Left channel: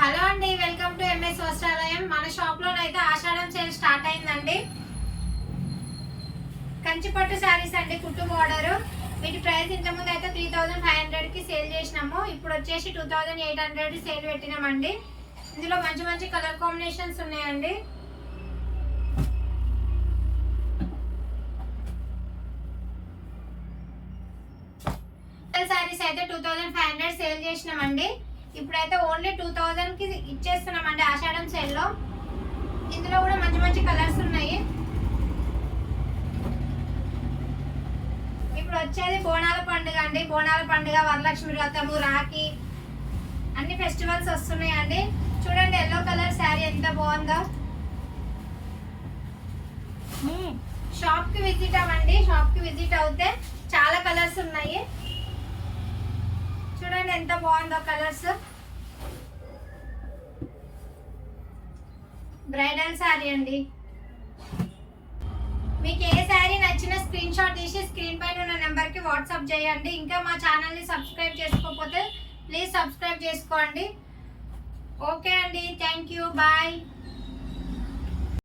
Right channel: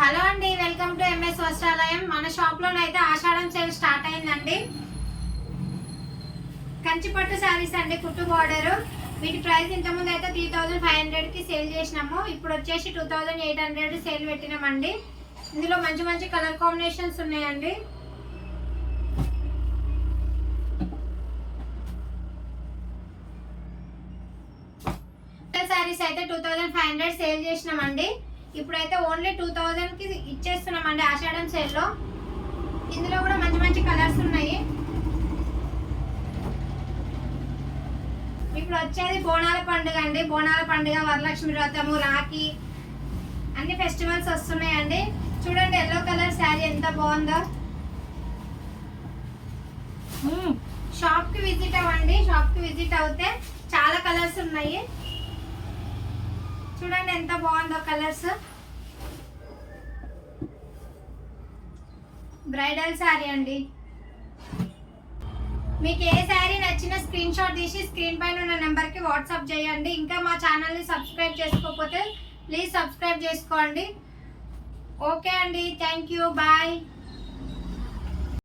Hello అండి, welcome to MS Vastralayam. మన shop లోనైతే ఆషాఢం సేల్ స్టార్ట్ అయిందండి. కంచిపట్టు శారీస్ అండి, కుట్టు బార్డర్. వీటి ప్రైస్ ఇంతకుముందు అయితే 3500 కి సేల్ చేసినాము. ఇప్పుడు వచ్చేసి 2800 సేల్ పెట్టినామండి. ఇందులో మంచి మంచి కలర్ కాంబినేషన్స్ ఉన్నాయండి. శారీస్ అయితే 2500 సేల్ చేసినామండి. ఇప్పుడైతే ఓన్లీ 2000 కి ఇచ్చేస్తున్నామండి ఆషాఢం సేల్ లో. ఇందులో కూడా మంచి మంచి కలర్స్ ఉన్నాయి. ఇప్పుడు వచ్చేది బోనాల పండుగ అండి. బోనాల పండుగ, వరలక్ష్మి వ్రతము, రాఖీ అన్ని ఫెస్టివల్స్ వస్తున్నాయండి. చూడండి ఎల్లో కలర్ శారీ ఎంత బాగుందో. షాప్ కి విజిట్ అవ్వండి. షాప్ కి విజిట్ అవుతే చాలా కలర్స్ ఉన్నాయి. చూడండి ఎంత బాగుందో కలర్స్. బ్రైడల్ శారీ అండి. మీకు ఏ శారీ నచ్చినా స్క్రీన్ షాట్ తీసి స్క్రీన్ పైన ఉన్న నెంబర్కి వాట్సాప్ చేయండి. ఇంకా మా ఛానల్ని సబ్స్క్రైబ్ చేసుకోకపోతే ప్లీజ్ సబ్స్క్రైబ్ చేసుకోండి. ఓకే అండి, థ్యాంక్ యూ, బాయ్.